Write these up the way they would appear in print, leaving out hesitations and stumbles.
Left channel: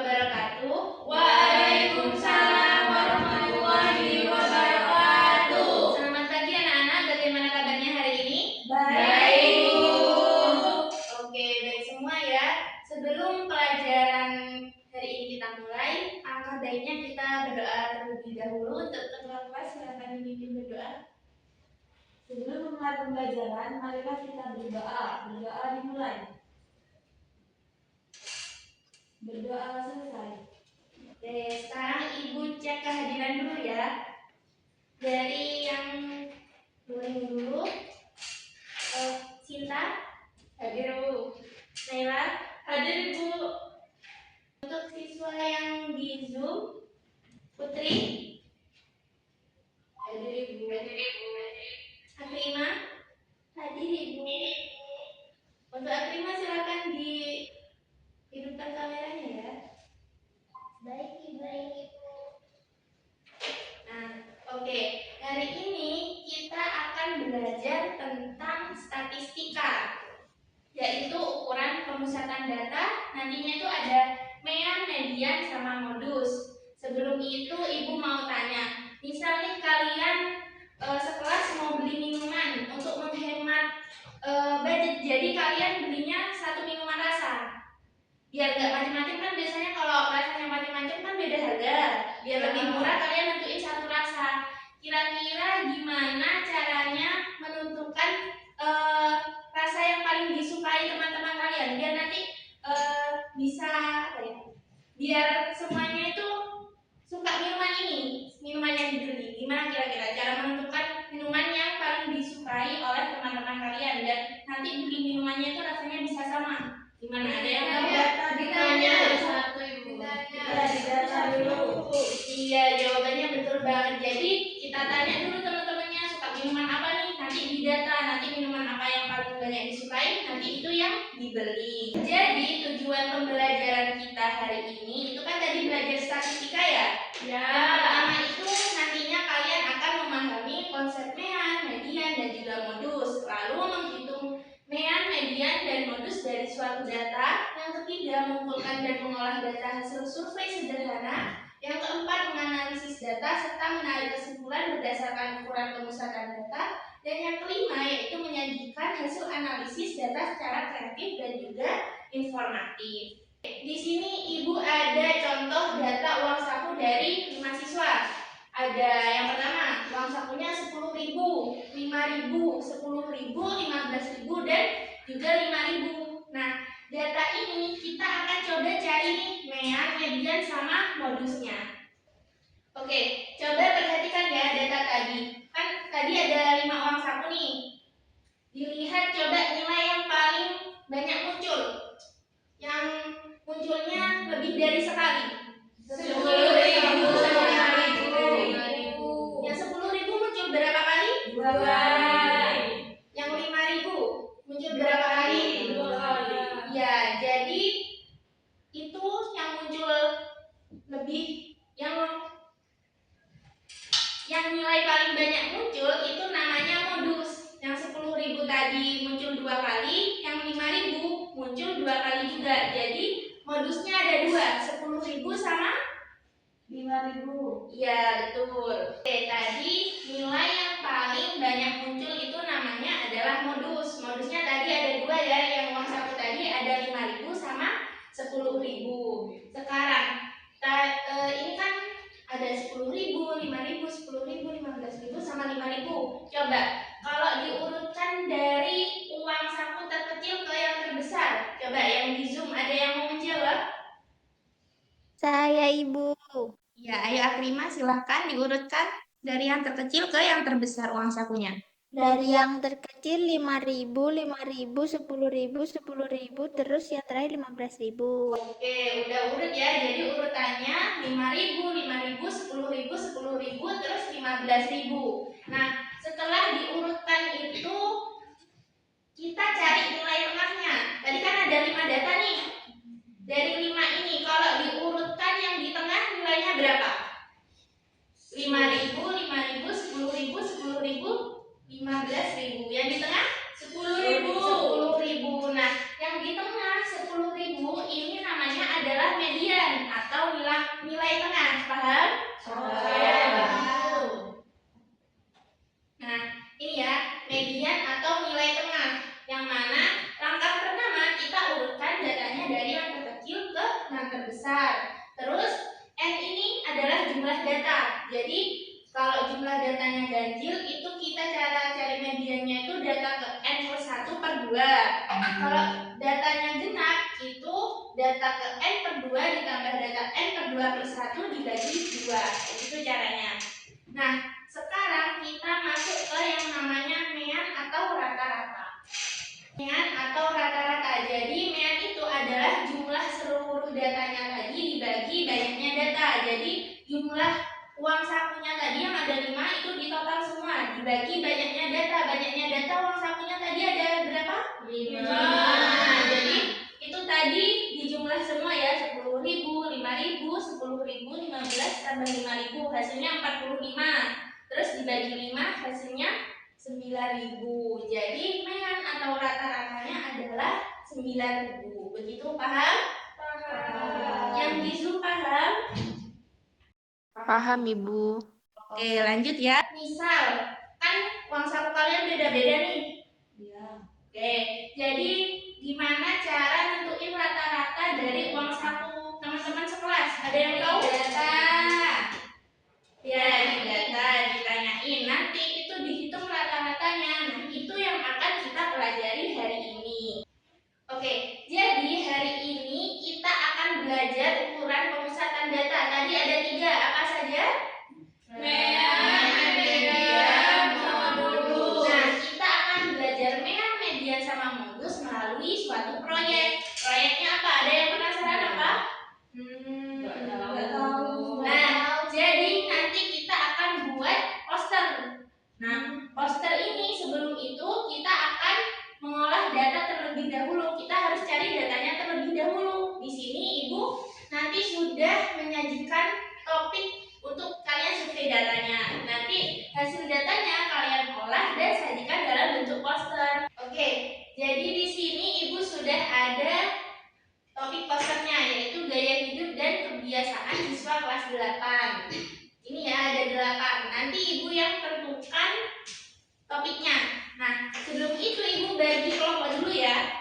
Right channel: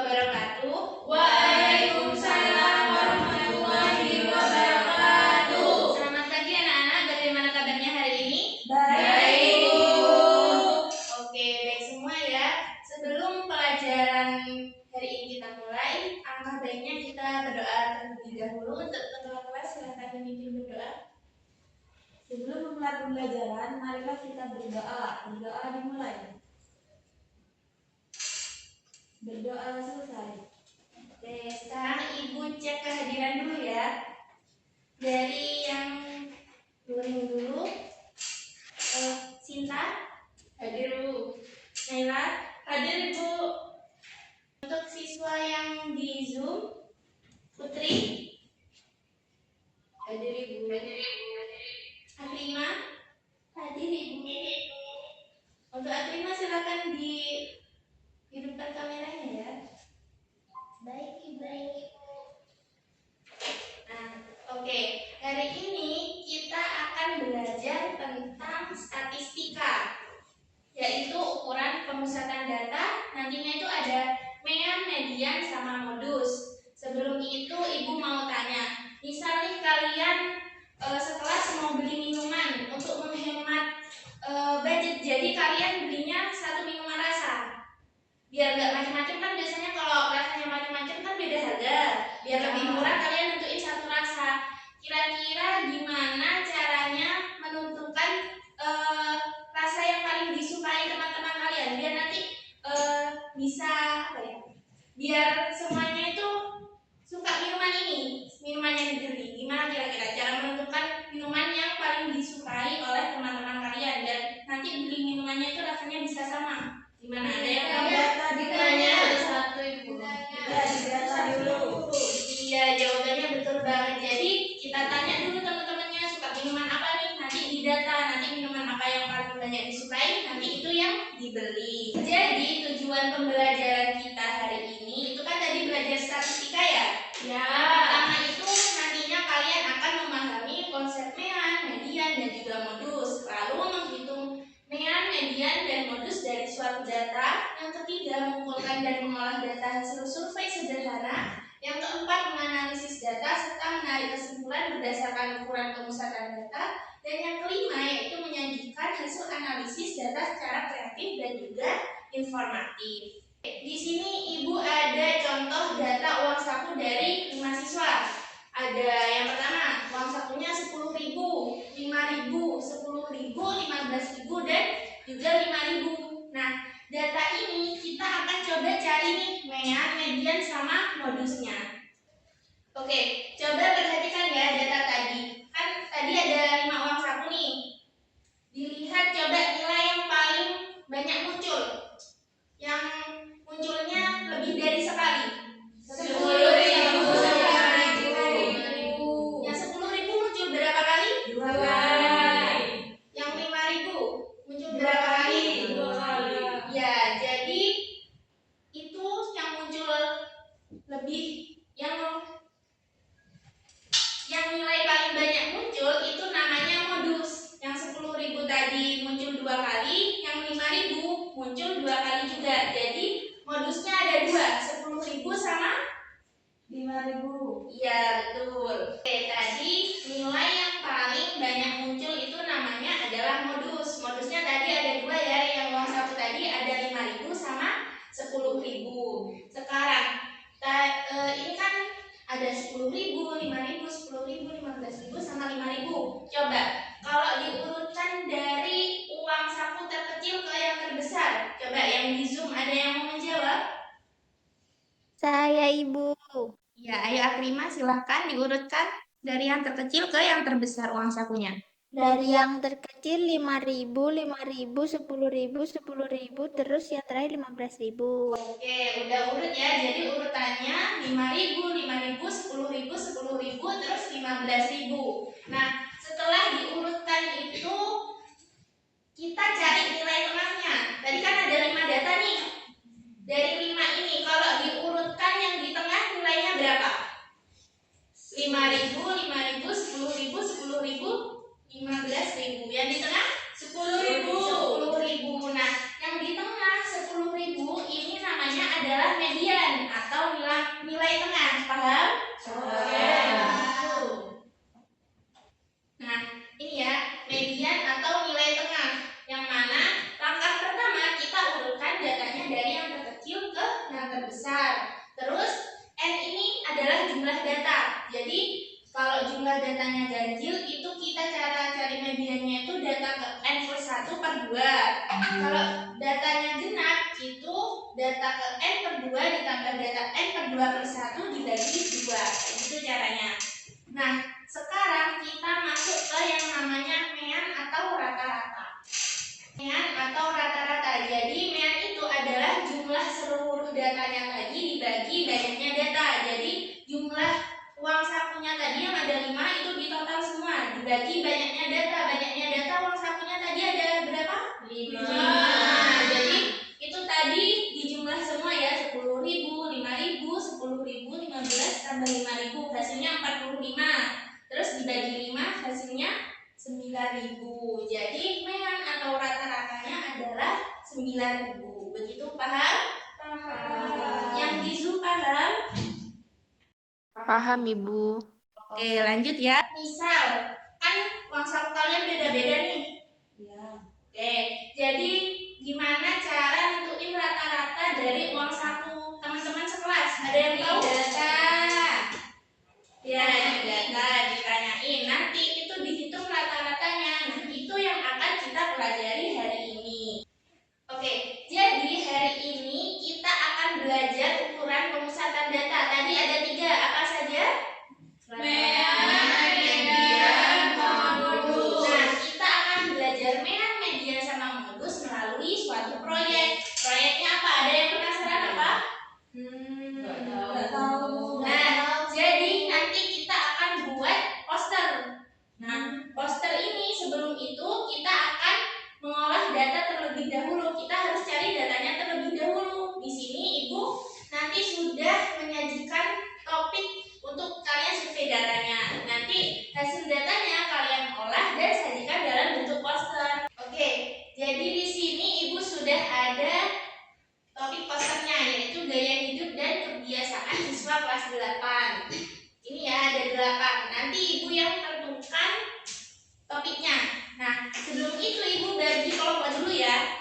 wabarakatuh. Waalaikumsalam warahmatullahi wabarakatuh. Selamat pagi anak-anak, bagaimana kabarnya hari ini? Baik, Bu. Oke, baik semua ya. Sebelum pelajaran hari ini kita mulai, alangkah baiknya kita berdoa terlebih dahulu. Untuk ketua kelas, silakan memimpin berdoa. Sebelum memulai pembelajaran, marilah kita berdoa. Berdoa dimulai. Berdoa selesai. Oke, sekarang Ibu cek kehadiran dulu ya. Dari yang luring dulu, Sinta, hadir Bu. Naila, hadir Bu. Untuk siswa yang di Zoom, Putri, hadir Ibu. Akrima, hadir Ibu. Untuk Akrima silakan dihidupkan kameranya ya. Baik Ibu. Nah, oke. Hari ini kita akan belajar tentang statistika, yaitu ukuran pemusatan data. Nantinya itu ada mean, median, sama modus. Sebelum itu Ibu mau tanya, misal nih kalian sekelas mau beli minuman untuk menghemat budget, jadi kalian belinya satu minuman rasa. Biar nggak macam-macam, kan biasanya kalau rasanya macam-macam kan beda harga. Biar lebih murah kalian nentuin satu rasa. Kira-kira gimana caranya menentukan rasa yang paling disukai teman-teman kalian, biar nanti bisa apa ya? Biar semuanya itu suka minuman ini, minuman yang dibeli. Gimana kira-kira cara menentukan minuman yang paling disukai oleh teman-teman kalian, dan nanti beli minumannya itu rasanya bisa sama? Gimana? Ada yang tahu? Ditanya satu Ibu. Ya, didata dulu. Iya, jawabannya betul banget. Jadi kita tanya dulu teman-temannya suka minuman apa nih, nanti didata, nanti minuman apa yang paling banyak disukai, nanti itu yang dibeli. Jadi tujuan pembelajaran kita hari ini itu kan tadi belajar statistika ya. Ya. Yang pertama itu nantinya kalian akan memahami konsep mean, median, dan juga modus. Lalu menghitung mean, median, dan modus dari suatu data. Yang ketiga, mengumpulkan dan mengolah data hasil survei sederhana. Yang keempat, menganalisis data serta menarik kesimpulan berdasarkan ukuran pemusatan data. Dan yang kelima, yaitu menyajikan hasil analisis data secara kreatif dan juga informatif. Di sini Ibu ada contoh data uang saku dari 5 siswa. Ada yang pertama, uang sakunya 10.000, 5.000, 10.000, 15.000, dan juga 5.000. Nah, data ini kita akan coba cari nih mean, median, sama modusnya. Oke, coba perhatikan ya data tadi. Kan tadi ada 5 uang saku nih. Dilihat coba nilai yang paling banyak muncul. Yang munculnya lebih dari sekali. 10.000. Yang 10.000 muncul berapa kali? 2 kali. Yang 5.000 muncul berapa kali? 2 kali. Ya, jadi itu yang muncul lebih, yang nilai paling banyak muncul itu namanya modus. Yang 10.000 tadi muncul 2 kali, yang 5.000 muncul 2 kali juga. Jadi modusnya ada 2, 10.000 sama 5.000. iya, betul. Oke, tadi nilai yang paling banyak muncul itu namanya adalah modus. Modusnya tadi ada 2 ya, yang uang saku tadi ada 5.000 sama 10.000. Sekarang ini kan ada 10.000, 5.000, 10.000, 15.000 sama 5.000. Coba kalau diurutkan dari uang saku terkecil ke yang terbesar. Coba yang di Zoom ada yang mau menjawab? Saya Ibu. Ya, ayo Akrima silahkan diurutkan dari yang terkecil ke yang terbesar uang sakunya. Dari yang terkecil 5.000, 5.000, 10.000, 10.000, terus yang terakhir 15.000. Oke, udah urut ya. Jadi urutannya 5.000, 5.000, 10.000, 10.000, terus 15.000. Nah, setelah diurutkan itu kita cari nilai tengahnya. Tadi kan ada 5 data nih. Dari 5 ini kalau diurutkan yang di tengah nilainya berapa? 5.000, 5.000, 10.000, 10.000, 15.000. Yang di tengah 10.000. 10.000. Nah, yang di tengah 10.000 ini namanya adalah median atau nilai tengah. Paham? Nah, ini ya, median atau nilai tengah. Yang mana langkah pertama kita urutkan datanya dari yang terkecil ke yang terbesar. Terus N ini adalah jumlah data. Jadi kalau jumlah datanya ganjil, itu kita cara cari mediannya itu data ke N plus 1 per 2. Kalau datanya genap, itu data ke N per 2 ditambah data N per 2 plus 1 dibagi 2. Itu caranya. Nah, sekarang kita masuk ke yang namanya mean atau rata-rata. Mean atau rata-rata. Jadi mean itu adalah jumlah seluruh datanya tadi dibagi banyaknya data. Jadi jumlah uang sakunya tadi yang ada 5 itu ditotal semua dibagi banyaknya data. Banyaknya data uang sakunya tadi ada berapa? 5. Nah, jadi itu tadi dijumlah semua ya, 10.000, 5.000, 10.000, 15 tambah 5.000 hasilnya 45. Terus dibagi 5 hasilnya 9.000. Jadi mean atau rata-ratanya adalah 9.000. Begitu, paham? Paham. Yang di Zoom paham? Paham, Ibu. Oke, lanjut ya. Misal, kan uang saku kalian beda-beda nih. Iya. Oke, jadi gimana cara nentuin rata-rata dari uang saku teman-teman sekelas? Ada yang tahu? Data. Ya, di data ditanyain. Nanti itu dihitung rata-ratanya. Nah, itu yang akan kita pelajari hari ini. Oke, jadi hari ini kita akan belajar ukuran pemusatan data. Tadi ada 3, apa saja? Mean, median, modus. Nah, kita akan belajar mean, median, sama modus melalui suatu proyek. Proyeknya apa? Ada yang penasaran apa? Nggak tahu. Nah, jadi nanti kita akan buat poster. Nah, poster ini sebelum itu kita akan mengolah data terlebih dahulu. Kita harus cari datanya terlebih dahulu. Di sini Ibu nanti sudah menyajikan topik untuk kalian survei datanya. Nanti hasil datanya kalian olah dan sajikan dalam bentuk poster. Oke, jadi di sini Ibu sudah ada topik posternya, yaitu gaya hidup dan kebiasaan siswa kelas 8. Ini ya, ada 8. Nanti Ibu yang tentukan topiknya. Nah, sebelum itu Ibu bagi kelompok dulu ya.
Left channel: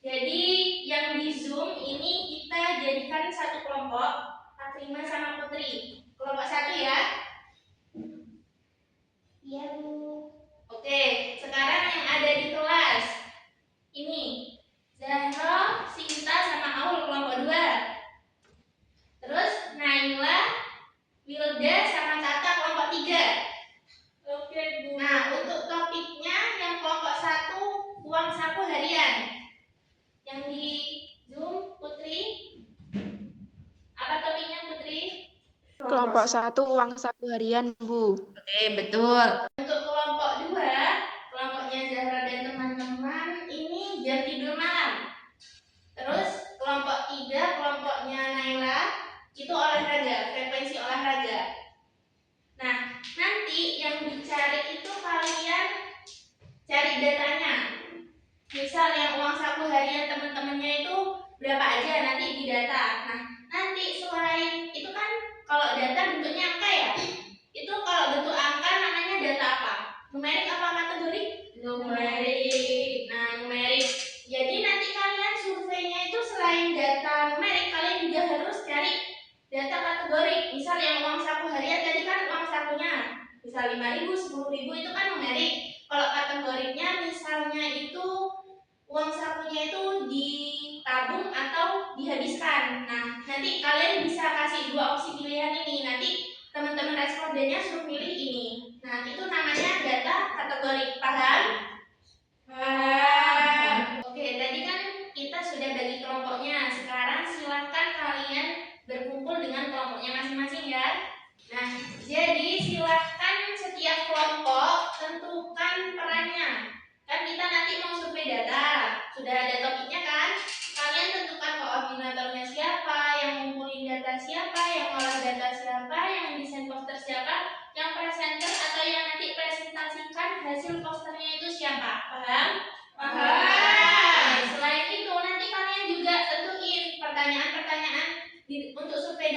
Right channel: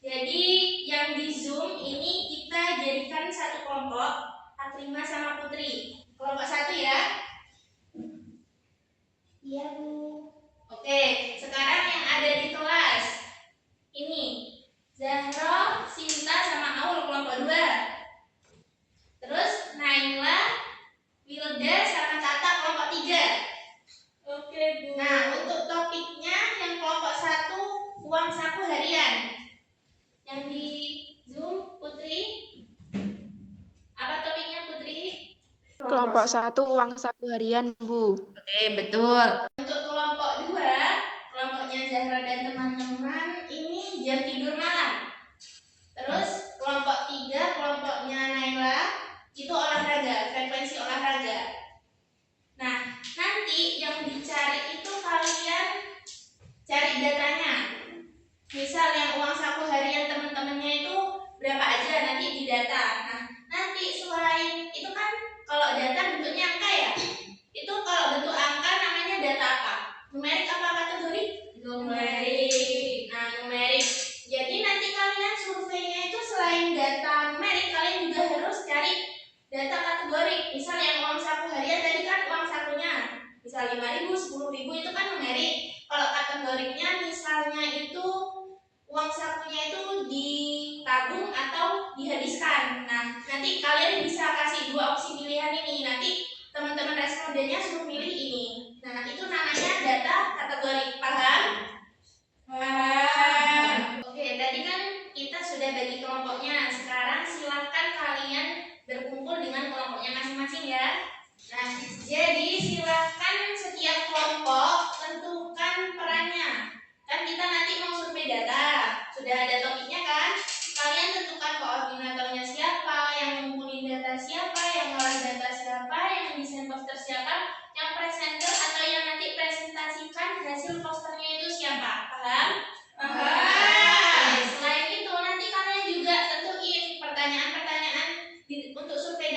Jadi yang di Zoom ini kita jadikan satu kelompok, Fatima sama Putri. Kelompok 1 ya. Iya, Bu. Oke, sekarang yang ada di kelas ini Zahra, Sinta, sama Aul kelompok 2. Terus Naila, Wilda, sama Tata kelompok 3. Oke, Bu. Nah, untuk topiknya yang kelompok 1 uang saku harian. Yang di Zoom Putri, apa topiknya Putri? Kelompok 1 uang saku harian, Bu. Oke, betul. Untuk kelompok 2, kelompoknya Zahra dan teman-teman, ini jam tidur malam. Terus kelompok 3, kelompoknya Naila, itu olahraga, frekuensi olahraga. Nah, nanti yang dicari itu kalian cari datanya. Misal yang uang saku harian teman-temannya itu berapa aja, nanti di data. Nah, nanti selain itu kan kalau data bentuknya angka ya. Itu kalau bentuk angka namanya data apa? Numerik apa kategori? Numerik. Nah, numerik. Jadi nanti kalian surveinya itu selain data numerik, kalian juga harus cari data kategori. Misal yang uang saku harian tadi kan uang sakunya. Misal 5.000, 10.000 itu kan numerik. Kalau kategorinya misalnya itu uang sakunya itu ditabung atau dihabiskan. Nah, nanti kalian bisa kasih 2 opsi pilihan ini. Nanti teman-teman respondennya suruh pilih ini. Nah, itu namanya data kategori. Paham? Paham. Oke, tadi kan kita sudah bagi kelompoknya. Sekarang silahkan kalian berkumpul dengan kelompoknya masing-masing ya. Nah, jadi silahkan setiap kelompok tentukan perannya. Kan kita nanti mau survei data. Sudah ada topiknya kan? Kalian tentukan koordinatornya siapa, yang ngumpulin data siapa, yang ngolah data siapa, yang desain poster siapa, yang presenter atau yang nanti presentasikan hasil posternya itu siapa. Paham? Paham. Selain itu nanti kalian juga tentuin pertanyaan-pertanyaan untuk survei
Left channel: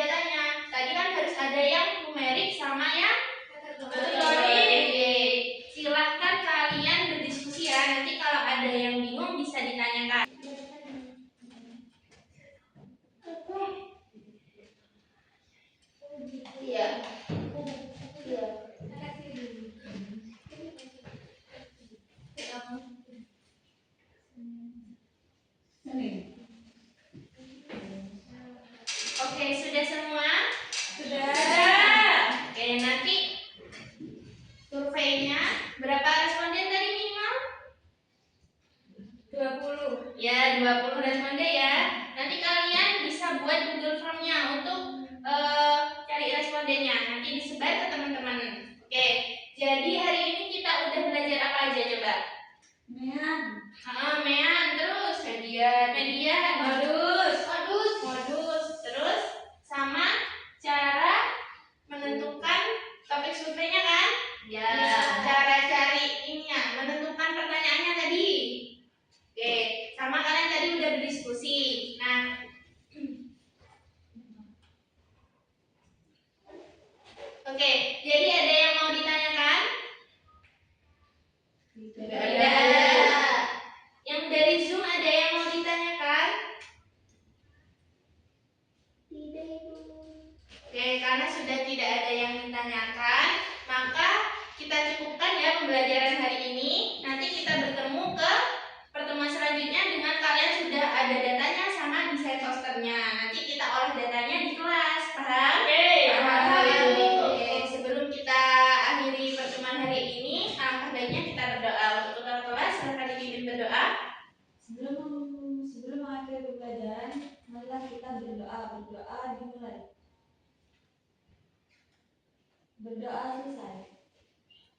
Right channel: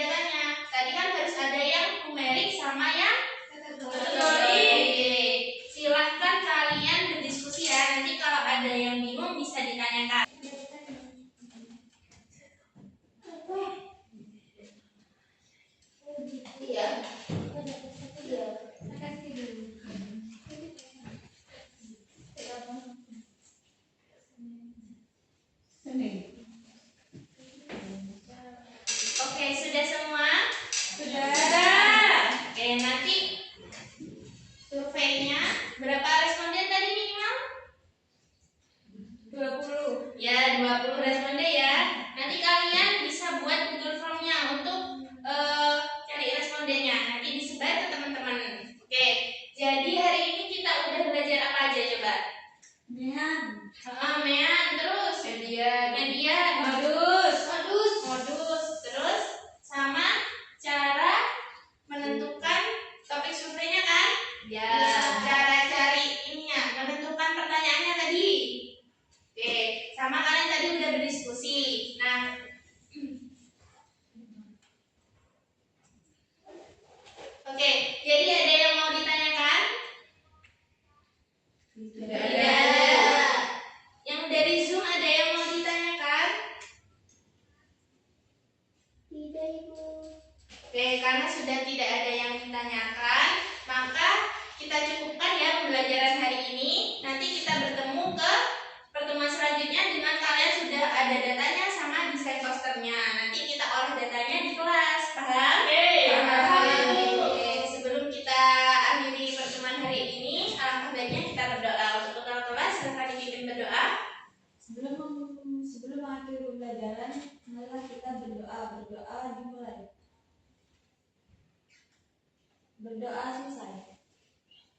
Oke, sudah semua? Sudah. Oke, nanti surveinya berapa responden tadi minimal? 20. Ya, 20 responden ya. Nanti kalian bisa buat Google Form-nya untuk cari respondennya. Nanti disebar ke teman-teman. Oke, jadi hari ini kita udah belajar apa aja coba? Mean. Mean, terus median, modus, terus sama cara menentukan topik surveinya kan? Ya. Cara cari ininya, menentukan pertanyaannya tadi. Oke, sama kalian tadi udah berdiskusi. Nah, oke, jadi ada yang mau ditanyakan? Tidak. Yang dari Zoom ada yang mau ditanyakan? Tidak, Ibu. Oke, karena sudah tidak ada yang ditanyakan, maka kita cukupkan ya pembelajaran hari ini. Nanti kita bertemu ke pertemuan selanjutnya dengan kalian sudah ada datanya sama desain posternya. Nanti kita olah datanya di kelas, paham? Paham. Oke, sebelum kita akhiri pertemuan hari ini, alangkah baiknya kita berdoa. Untuk ketua kelas, silakan dipimpin berdoa. Sebelum mengakhiri pembelajaran, marilah kita berdoa. Berdoa dimulai. Berdoa selesai.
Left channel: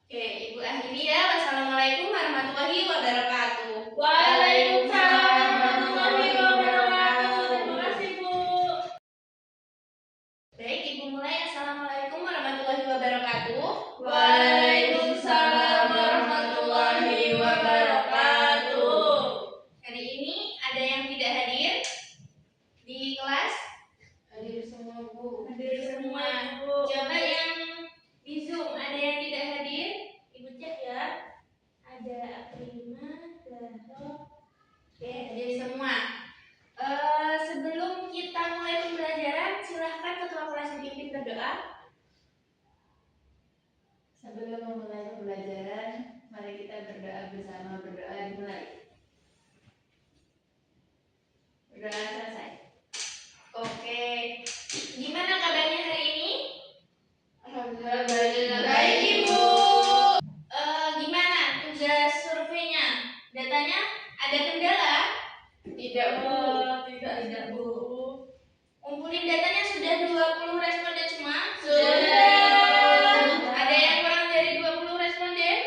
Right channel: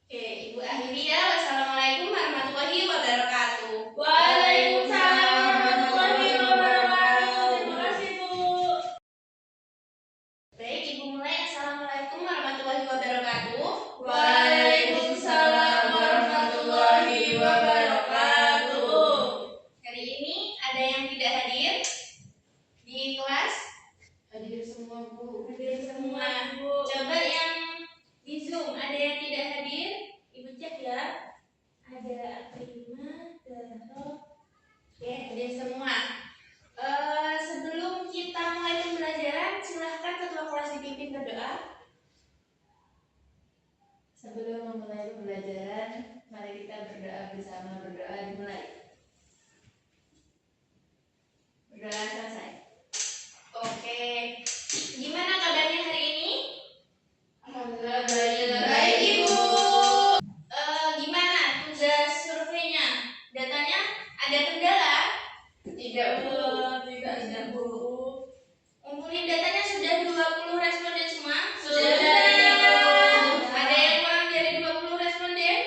Oke, Ibu akhiri ya. Wassalamualaikum warahmatullahi wabarakatuh. Waalaikumsalam warahmatullahi wabarakatuh. Terima kasih, Bu. Baik, Ibu mulai. Assalamualaikum warahmatullahi wabarakatuh. Waalaikumsalam warahmatullahi wabarakatuh. Hari ini ada yang tidak hadir di kelas? Hadir semua, Bu. Hadir semua. Coba yang di Zoom ada yang tidak hadir? Ibu cek ya. Ada Prima, Zahro. Oke, hadir semua. Sebelum kita mulai pembelajaran, silahkan ketua kelas dipimpin berdoa. Sebelum memulai pembelajaran, mari kita berdoa bersama. Berdoa dimulai. Berdoa selesai. Oke, gimana kabarnya hari ini? Alhamdulillah Baik, Ibu. Gimana tugas surveinya? Datanya ada kendala? Tidak, Bu. Tidak, Bu. Kumpulin datanya sudah 20 responden semua? Sudah. Ada yang kurang dari 20 responden?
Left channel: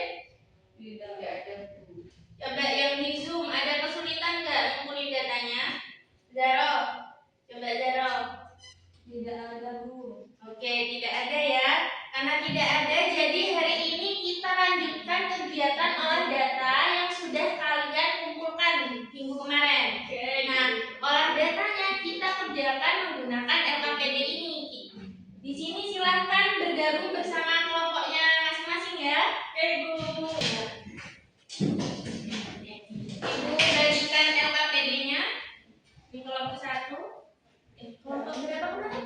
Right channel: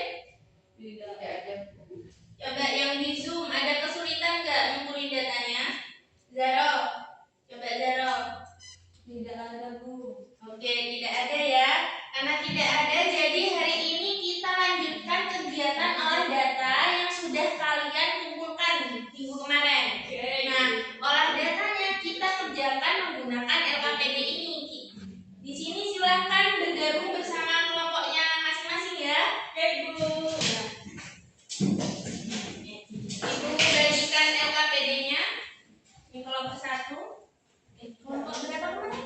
Tidak ada, Bu. Coba yang di Zoom ada kesulitan nggak ngumpulin datanya? Zaro, coba Zaro. Tidak ada, Bu. Oke, tidak ada ya. Karena tidak ada, jadi hari ini kita lanjutkan kegiatan olah data yang sudah kalian kumpulkan minggu kemarin. Nah, olah datanya kita kerjakan menggunakan LKPD ini. Di sini silahkan bergabung bersama kelompoknya masing-masing ya. Ibu bagikan LKPD-nya di kelompok 1. Kelompok berapa kemarin?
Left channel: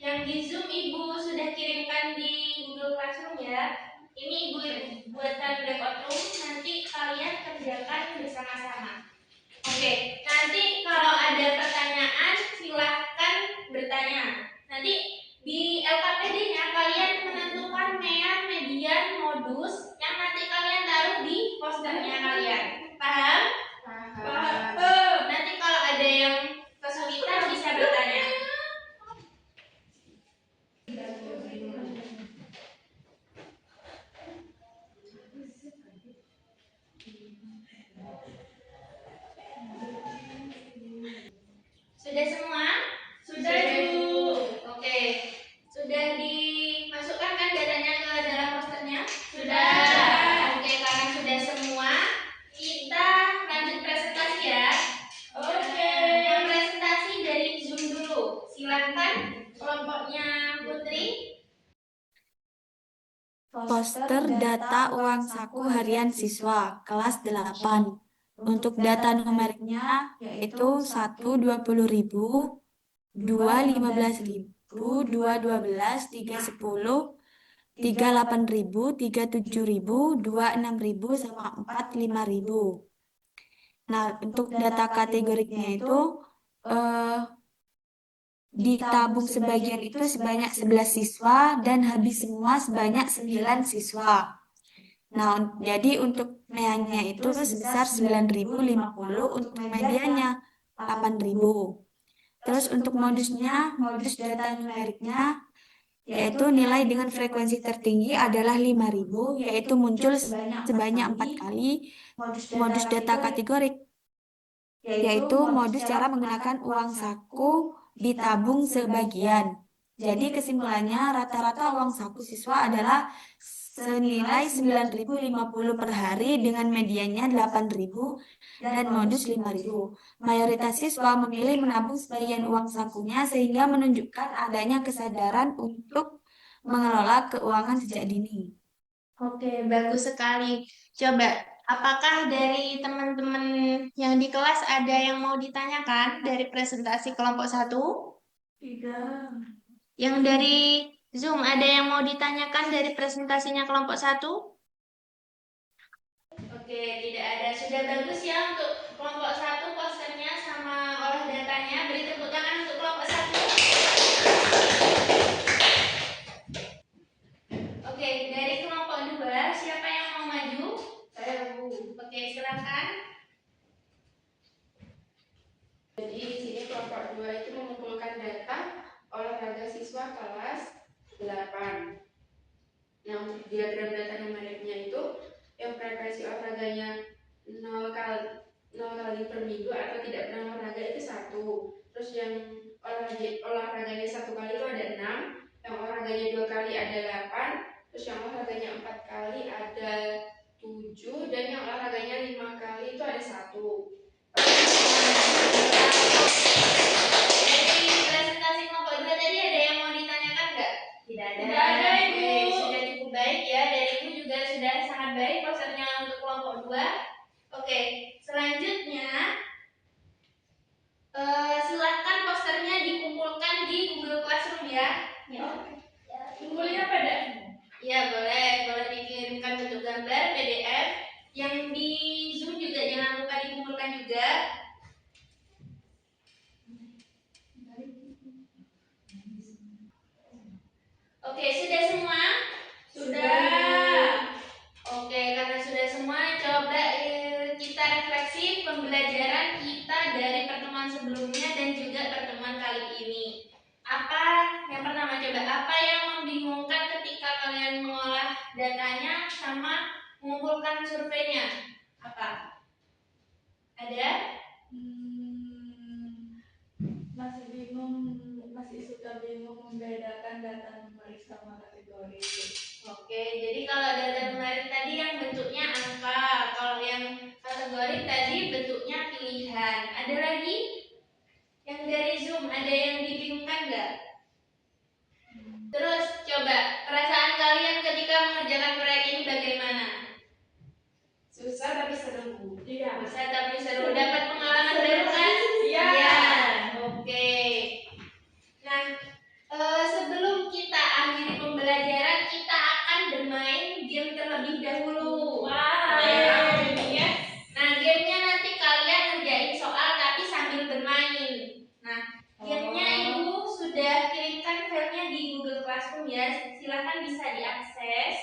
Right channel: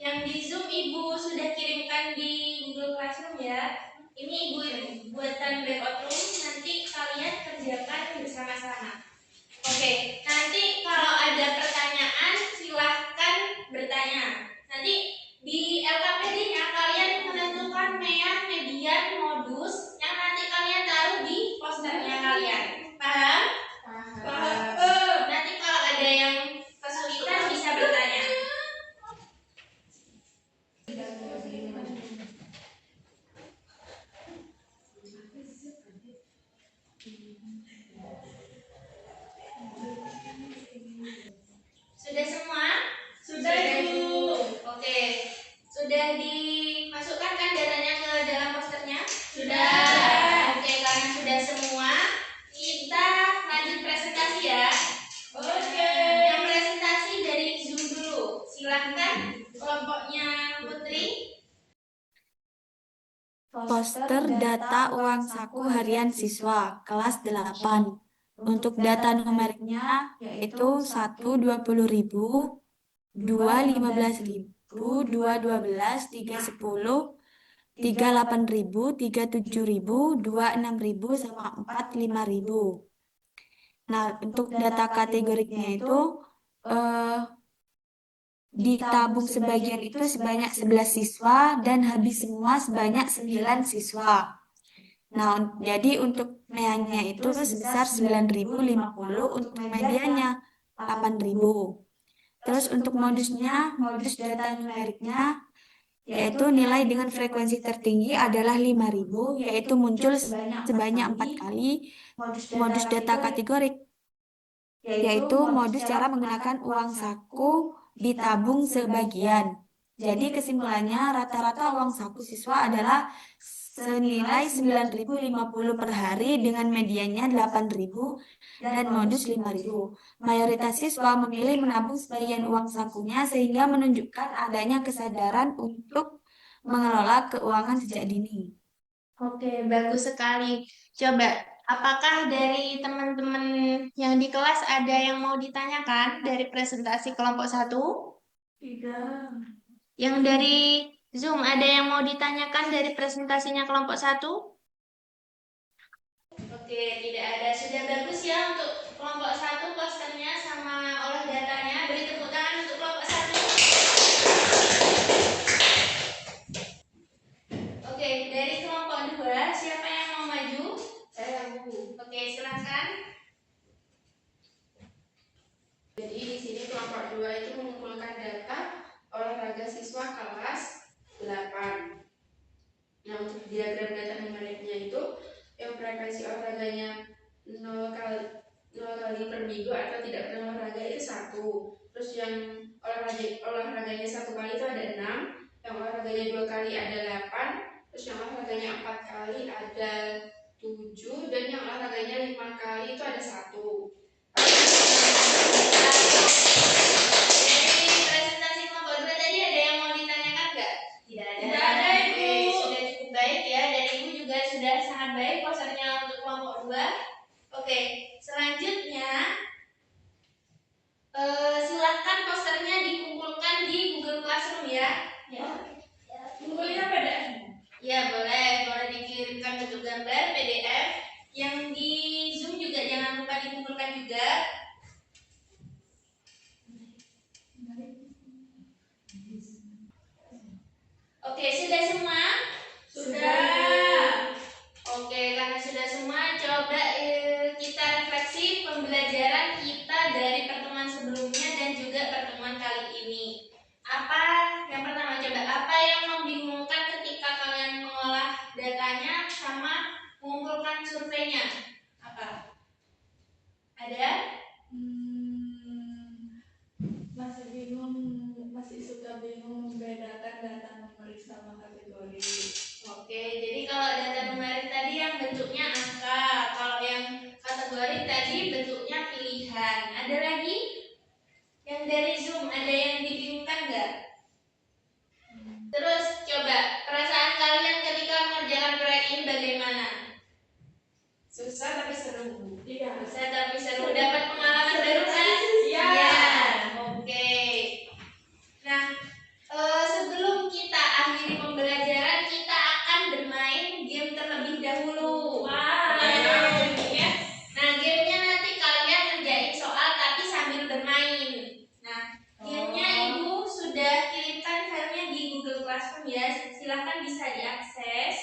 Yang di Zoom Ibu sudah kirimkan di Google Classroom ya. Ini Ibu buatkan breakout room, nanti kalian kerjakan bersama-sama. Oke, nanti kalau ada pertanyaan silahkan bertanya. Nanti di LKPD-nya kalian menentukan mean, median, modus yang nanti kalian taruh di posternya kalian. Paham? Paham. Nanti kalau ada yang kesulitan bisa bertanya. Sudah semua? Sudah, Bu. Oke. Sudah dimasukkan kan datanya ke dalam posternya? Sudah. Oke, karena sudah semua, kita lanjut presentasi ya. Oke. Yang presentasi dari Zoom dulu. Silahkan kelompoknya Putri. Poster data uang saku harian siswa kelas 8. Untuk data numeriknya yaitu 1 20.000, 2 15.000, 2 12, 3 10, 3 8.000, 3 7.000, 2 6.000, sama 4 5.000. Nah, untuk data kategoriknya itu ditabung sebagian itu sebanyak 11 siswa dan habis semua sebanyak 9 siswa. Nah, jadi untuk meanya itu sebesar 9.050, untuk medianya 8.000. Terus untuk modusnya, modus data numeriknya, yaitu nilai dengan frekuensi tertinggi adalah 5.000, yaitu muncul sebanyak 4 kali. Modus data kategorik, yaitu modus cara menggunakan uang saku ditabung sebagian. Jadi kesimpulannya rata-rata uang saku siswa adalah senilai 9.050 per hari dengan mediannya 8.000 dan modus 5.000. Mayoritas siswa memilih menabung sebagian uang sakunya sehingga menunjukkan adanya kesadaran untuk mengelola keuangan sejak dini. Oke, bagus sekali. Coba, apakah dari teman-teman yang di kelas ada yang mau ditanyakan dari presentasi kelompok 1? Tidak. Yang dari Zoom ada yang mau ditanyakan dari presentasinya kelompok 1? Oke, tidak ada. Sudah bagus ya untuk kelompok 1 posternya sama olah datanya. Beri tepuk tangan untuk kelompok 1. Oke, dari kelompok 2, siapa yang mau maju? Saya Bu. Oke, silahkan. Jadi di sini kelompok 2 itu mengumpulkan data olahraga siswa kelas 8. Nah, untuk diagram data numeriknya itu yang frekuensi olahraganya 0 kali per minggu atau tidak pernah olahraga itu 1. Terus yang olahraganya 1 kali itu ada 6, yang olahraganya 2 kali ada 8, terus yang olahraganya 4 kali ada 7, dan yang olahraganya 5 kali itu ada 1. Dari presentasi kelompok 2 tadi ada yang mau ditanyakan nggak? Tidak ada. Tidak ada, Ibu. Oke, sudah cukup baik ya. Dari Ibu juga sudah sangat baik posternya untuk kelompok 2. Oke, selanjutnya silahkan posternya dikumpulkan di Google Classroom ya. Kumpulnya PDF. Ya, boleh dikirimkan bentuk gambar PDF. Yang di Zoom juga jangan lupa dikumpulkan juga. Oke, sudah semua? Sudah. Oke, karena sudah semua, coba kita refleksi pembelajaran kita dari pertemuan sebelumnya dan juga pertemuan kali ini. Apa yang pertama, coba apa yang membingungkan ketika kalian mengolah datanya sama mengumpulkan surveinya? Apa? Ada? Masih suka bingung membedakan data numerik sama kategori. Oke, jadi kalau data numerik tadi yang bentuknya angka, kalau yang kategori tadi bentuknya pilihan. Ada lagi? Yang dari Zoom ada yang dibingungkan nggak? Terus coba perasaan kalian ketika mengerjakan proyek ini bagaimana? Susah tapi seru. Iya. Susah tapi seru. Dapat pengalaman baru kan? Iya. Oke. Nah, sebelum kita akhiri pembelajaran, kita akan bermain game terlebih dahulu. Ya. Nah, gamenya nanti kalian ngerjain soal tapi sambil bermain. Nah, gamenya Ibu sudah kirimkan filenya di Google Classroom ya. Silahkan bisa diakses.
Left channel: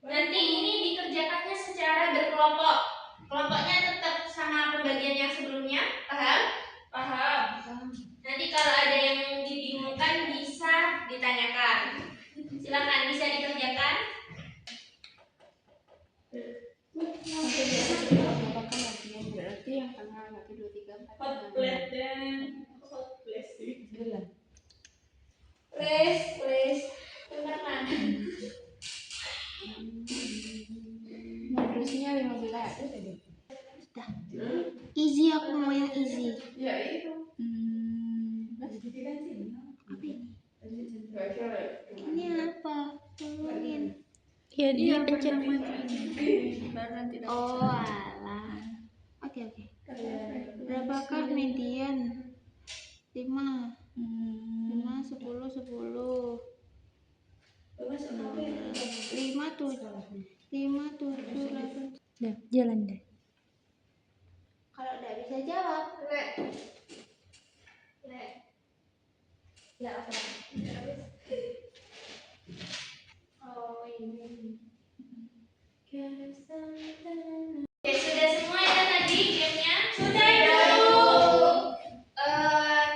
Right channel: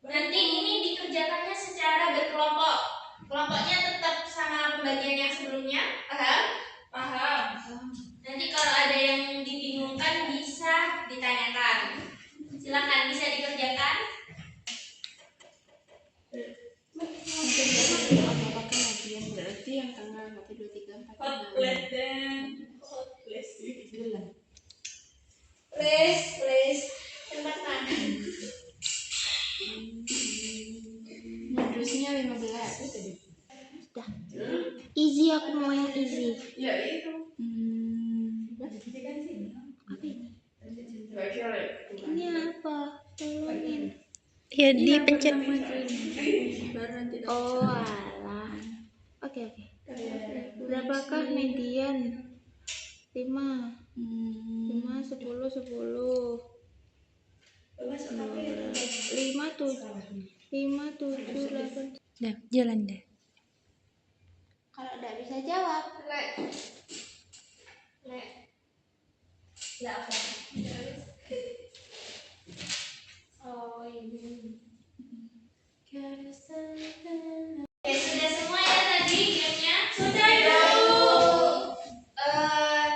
Nanti ini dikerjakannya secara berkelompok. Kelompoknya tetap sama pembagian yang sebelumnya, paham? Paham. Nanti kalau ada yang dibingungkan bisa ditanyakan. Silakan bisa dikerjakan. Apakah latihan berarti yang tengah 1 2 3 4 Hot 5. plate dan hot plate sih. Please. Tempat makan. Modusnya 15. Easy, aku mau yang easy. Ya itu. Apa ini? Baca lah. Ini apa? Tolongin. Ya dipencet. Oh alah. Oke. Berapakah median? 5, 10, 10. 5, 7, 8. Dah, jalan deh. Kalau nggak bisa jawab, Ya apa? oh ini. Oke, sudah semua ya tadi gamenya? Sudah dong.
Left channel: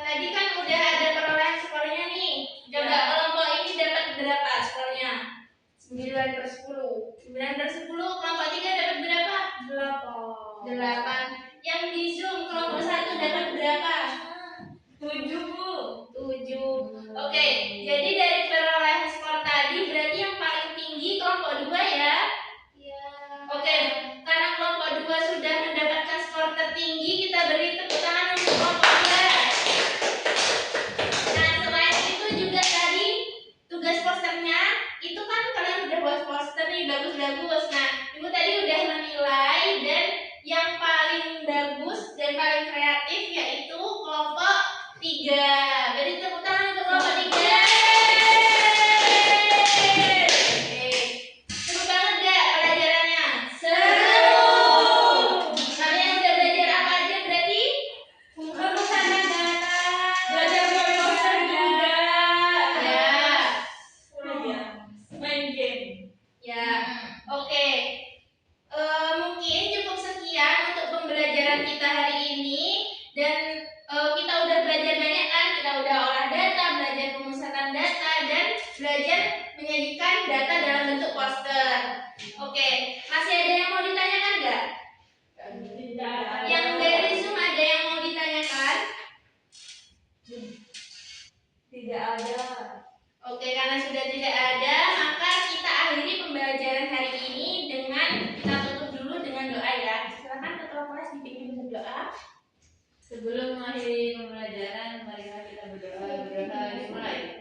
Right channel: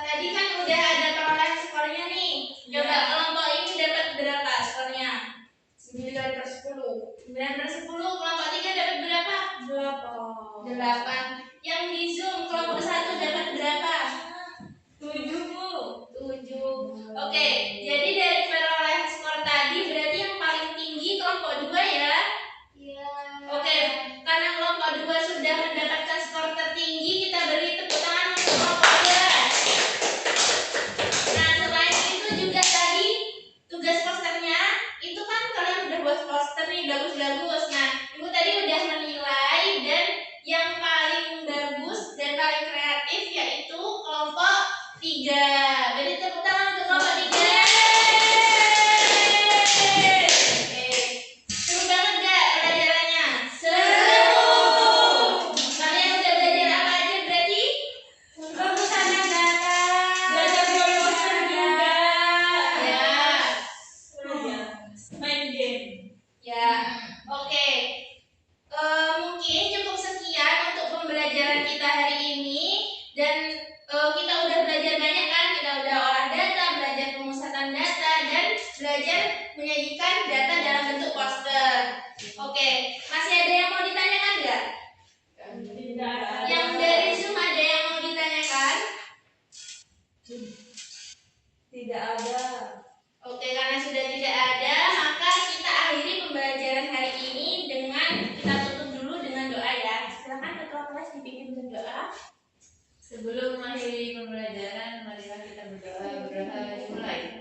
Tadi kan udah ada perolehan skornya nih. Coba kelompok ini dapat berapa skornya? 9/10. 9/10. Kelompok 3 dapat berapa? 8. Yang di Zoom kelompok 1 dapat berapa? 7, Bu. 7. Oke, jadi dari perolehan skor tadi berarti yang paling tinggi kelompok 2 ya? Ya. Oke, karena kelompok 2 sudah mendapatkan skor tertinggi, kita beri tepuk tangan untuk kelompok 2. Nah, selain itu juga tadi tugas posternya, itu kan kalian udah buat poster nih, bagus-bagus. Nah, Ibu tadi udah menilai dan yang paling bagus dan paling kreatif yaitu kelompok 3. Beri tepuk tangan untuk kelompok 3. Oke. Seru banget gak pelajarannya? Seru. Kalian udah belajar apa aja berarti? Pemusatan data. Belajar poster juga. Ya. Main game. Ya. Oke. Mungkin cukup sekian untuk pembelajaran kita hari ini dan kita udah belajar banyak kan? Kita udah olah data, belajar pemusatan data dan belajar menyajikan data dalam bentuk poster. Oke, masih ada yang mau ditanyakan nggak? Tidak ada. Yang dari Zoom ada yang mau ditanyakan? Tidak ada. Oke, karena sudah tidak ada, maka kita akhiri pembelajaran hari ini dengan kita tutup dulu dengan doa ya. Silakan ketua kelas dipimpin berdoa. Sebelum mengakhiri pembelajaran, marilah kita berdoa. Dimulai.